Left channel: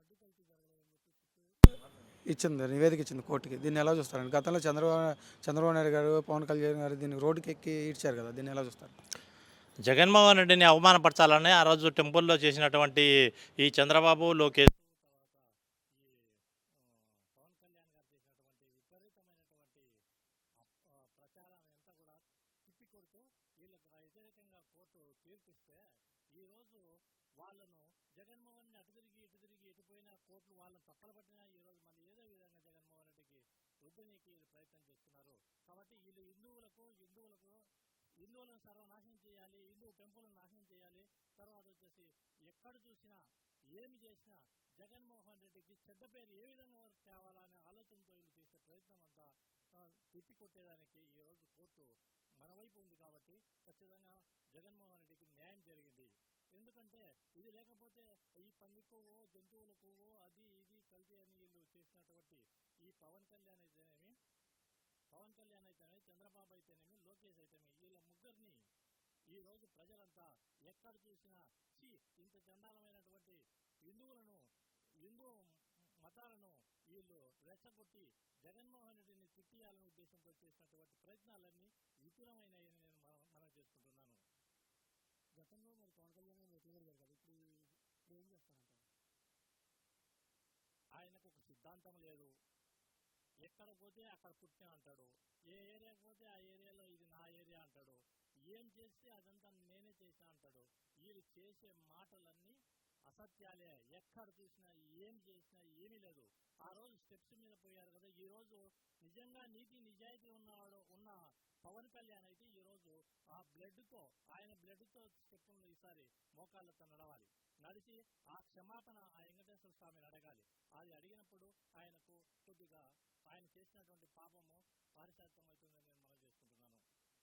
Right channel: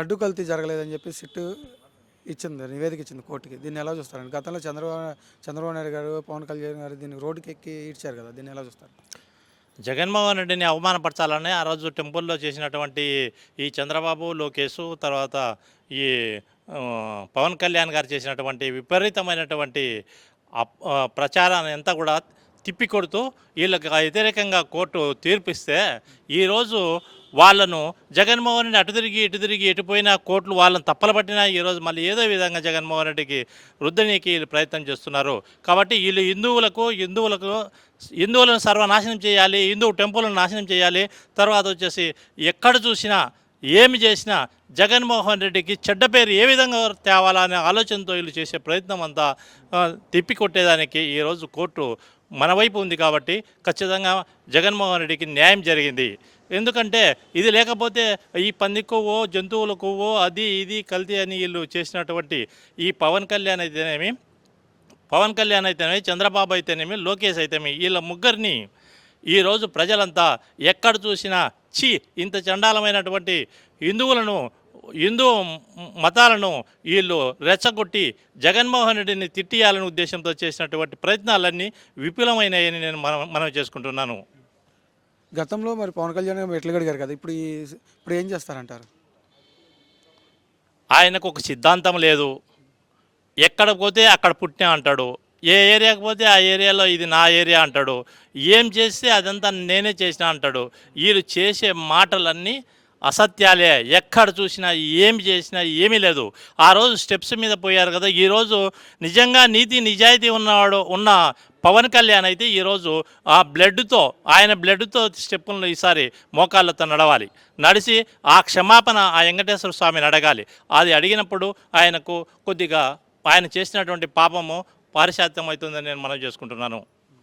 లడ్డు కల్తీ జరగలేదని చెప్పి సిట్ ఇచ్చింది, నివేదిక ఇచ్చింది కోర్టుకి. దీన్ని ఎలా చూస్తారండి? గతంలో చంద్రబాబు నాయుడు గారు, పవన్ కళ్యాణ్ గారు దీన్ని రోడ్డుకి ఎక్కి ఈడ్చారు కదా, దీన్ని ఎలా చూస్తారు? జగన్మోహన్ రెడ్డిని అవమానపరచాలని ఆ రోజు టెంపుల్లో చేసినటువంటి ఈ చంద్రబాబు, లోకేష్ తర్వాత ఈ పవన్ కళ్యాణ్ గారు చేసినటువంటి విపరీతమైనటువంటి ప్రచారాన్ని అంతా కూడా తిప్పికొడుతూ వీళ్ళకి వ్యతిరేకంగా కోర్టు తీర్పిస్తే ఈరోజు వాళ్ళను జగన్మోహన్ రెడ్డి అటు తిరిగి ఇటు తిరిగి ఎటుపోయినా కోర్టులు వాళ్ళని తప్పలు పట్టినా ఈరోజు మళ్ళీ ఏదో విధంగా జగన్మోహన్ రెడ్డికి రుద్దనీకి వీళ్ళు ప్రయత్నం చేస్తున్నారు. కాబట్టి వీళ్ళు హిందువులను సర్వనాశనం చేయాలి, హిందూ టెంపుల్ను నాశనం చేయాలి, తర్వాత వచ్చేసి ఎక్కడ చూసినా ఏమి చేసినా జగన్మోహన్ రెడ్డికి చెడ్డ పేరు ఏ విధంగా తేవాలా అనే ఆలోచనతో వీళ్ళు చేసే ప్రయత్నం అంతా తిప్పికొట్టేదానికి ఈరోజు కోర్టు మన వైపు ఉంది. కాబట్టి ఖచ్చితంగా జగన్మోహన్ రెడ్డికి న్యాయం జరిగింది. ఎందుకంటే ఇది లేకపోతే ఈ పంది కొవ్వో, జంతువుల కొవ్వో, అది ఇది కల్తీ అని వీళ్ళు చేసినటువంటి ఈ పవన్ కళ్యాణ్ అయితేనేమి, చంద్రబాబు అయితేనేమి, లోకేష్ అయితేనేమి, వీళ్ళ ముగ్గురిని ఈరోజు ప్రజలంతా ఎక్కడ చూసినా ఇంత చండాలమైనటువంటి హిందూ మతాలను వీళ్ళు రెచ్చగొట్టి జగన్మోహన్ రెడ్డిని తిట్టియాలనే ఉద్దేశంతో చేసినటువంటి ప్రయత్నాలన్నీ విపులమైనవని నేను మనం చేసుకుంటున్నాను. గతంలో మరి పవన్ కళ్యాణ్ గారు మెట్లు గడిగారు కదా, ఇప్పుడు ఏం చేస్తారంటారు? ఆయనకు ఒక సిద్ధాంతం లేదు. ఎక్కడ పోతే అక్కడ పుట్టినా అంటాడు, ఏ ఏరియాకి పోతే ఆ ఏరియాలో ఇది నా ఏరియా అంటాడు, ఏం చేస్తే అదంతా నేనే చేసినా అంటాడు. వీళ్ళు చేసే మాటలన్నీ అసత్యాలే. ఎక్కడ చూసినా ఏం చేసినా ఏమీ లేదు. ఆ రోజు స్టెప్స్ మీద పోయారు కదా, ఈరోజు నిజంగా నిజాయితీ ఉన్న పవన్ కళ్యాణ్ అయితే ఈరోజు ఆయన బ్లడ్తో స్టెప్పులను ఈసారి మోకాళ్ళతో నడిచి ఆ క్షమాపణ ఆ వెంకటేశ్వర స్వామిని అడగాలి. అది అడిగినప్పుడు ఆయనకు కొద్దిగా ఆయన చేసినటువంటి పాపము పారిశాత్యం అవుతుందని నేను మనవి చేసుకుంటున్నాను.